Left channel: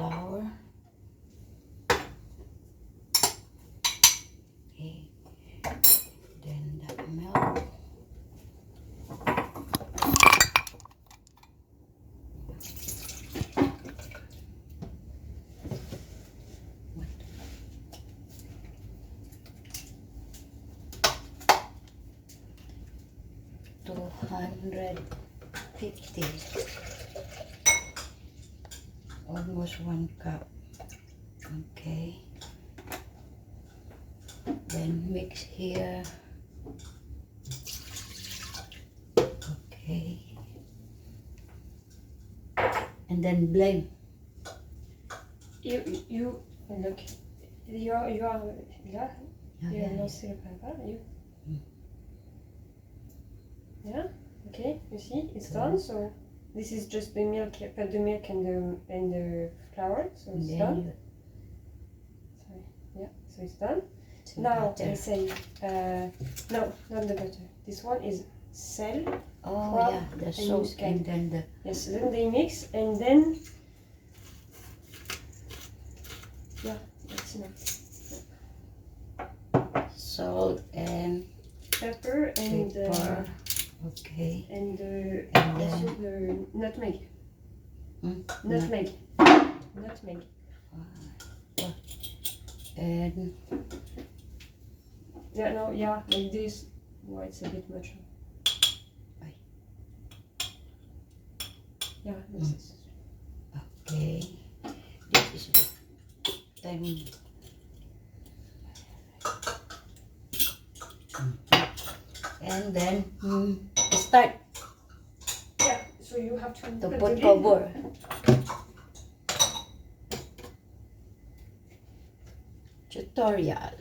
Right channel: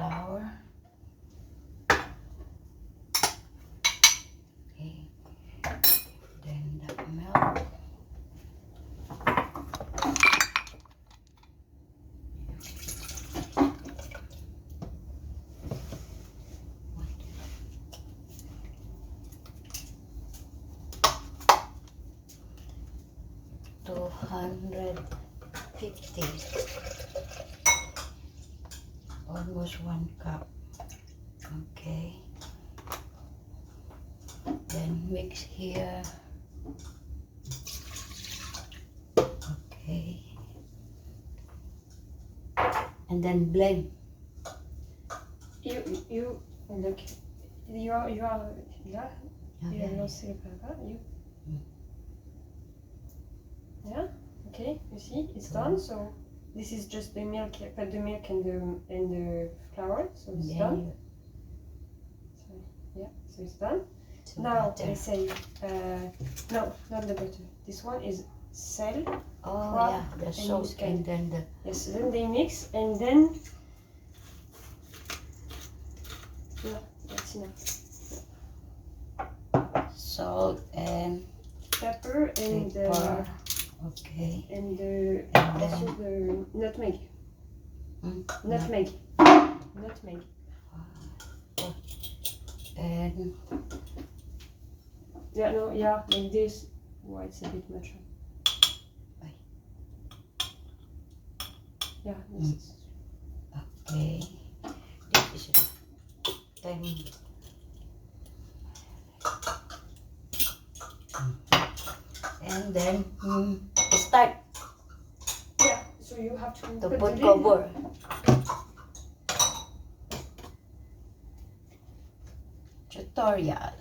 flour. Okay. Then the milk. $250. Almost 1 cup. Okay. Then mix here. Okay. And then blend. You look. You are là. You are not still you. Yeah. Okay. You see, it's done. So this is just the milk, the milk and the flour. So it's done. Sorry. Yeah. So it's done. Now they say no, not the butter. This one is salt. Oh yeah, the salt and then the yes. Then they mix and then yeah, that's enough. Salt and pepper and pepper. Okay. And the nutmeg. Nutmeg. Nutmeg. And yeah, no, yeah, like this. Why it's a bit much. Yeah, this is okay. This is then and then start. Yeah, so you have to put cover. Tutorial.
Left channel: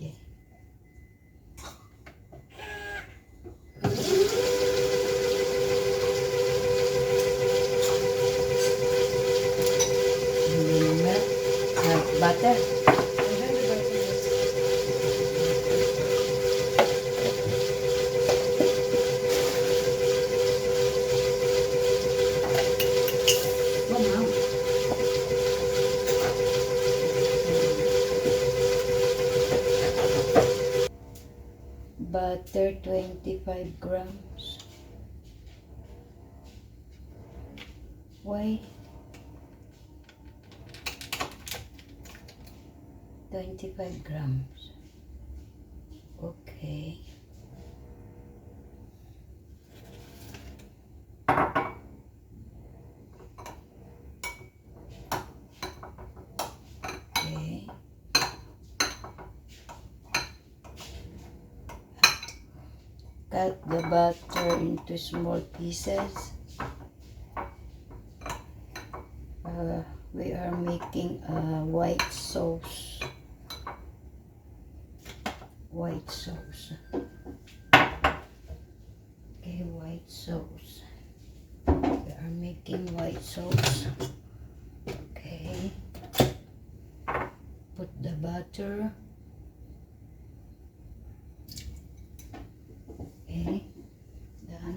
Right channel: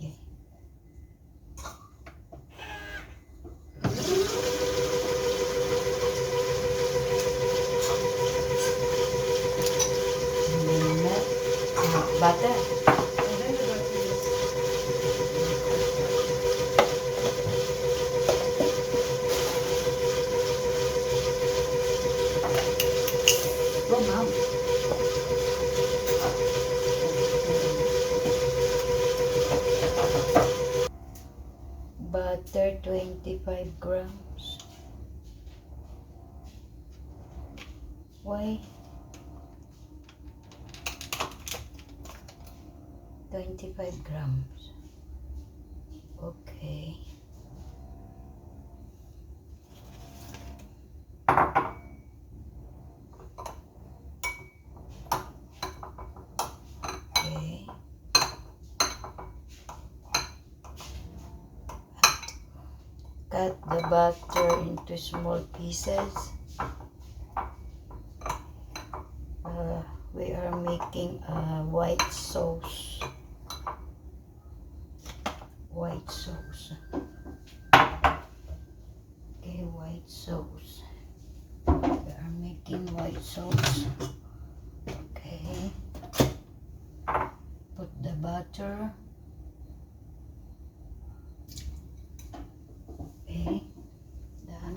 Okay. Butter. Butter 25 grams. Why? 25 grams. Okay. Okay. Cut the butter into small pieces. We are making a white sauce. White sauce. Okay, white sauce. We are making white sauce. Okay. Put the butter. Okay. Done.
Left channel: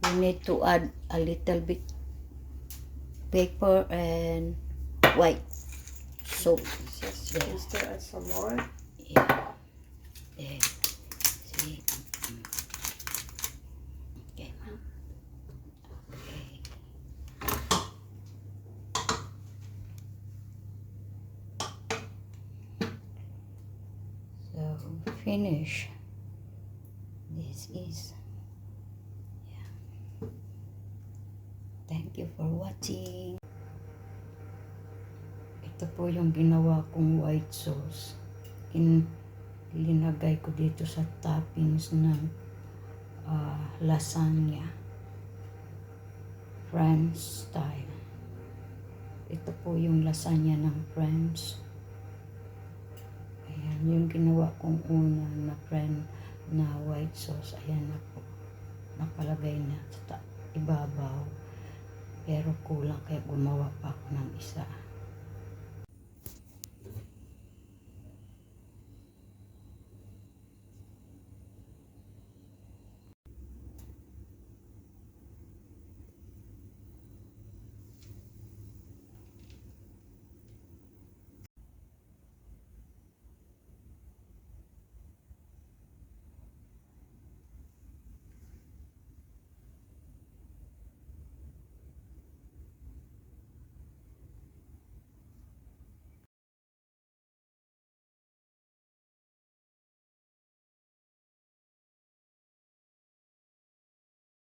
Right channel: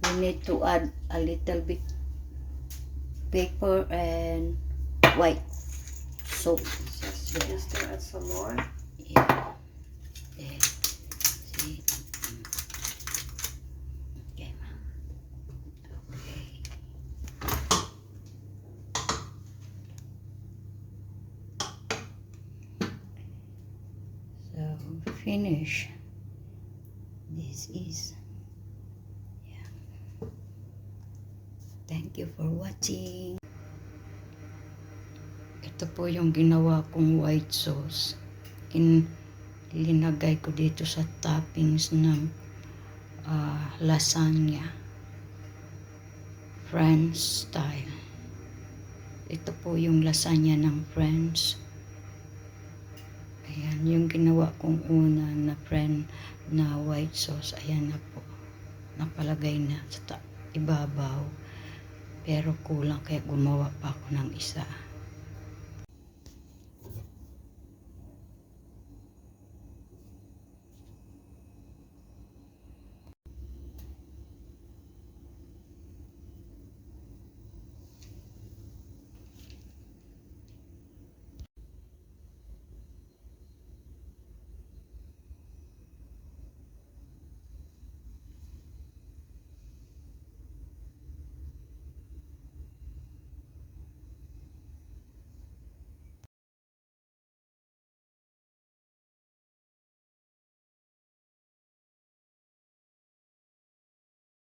We need to add a little bit pepper and white soap. Yes, you can still add some more. Yeah. There. See? Okay, ma'am. Okay. So finish. this is. Yeah. Thank you for watching. Ito po yung ginawa kong white sauce. Linagay ko dito sa toppings ng lasagna. French style. Ito po yung lasagna ng French. Ayan, yung ginawa kong una na white sauce. Ayan na po. Napalagay na sa ibabaw. Pero kulang kaya gumawa pa ako ng isa.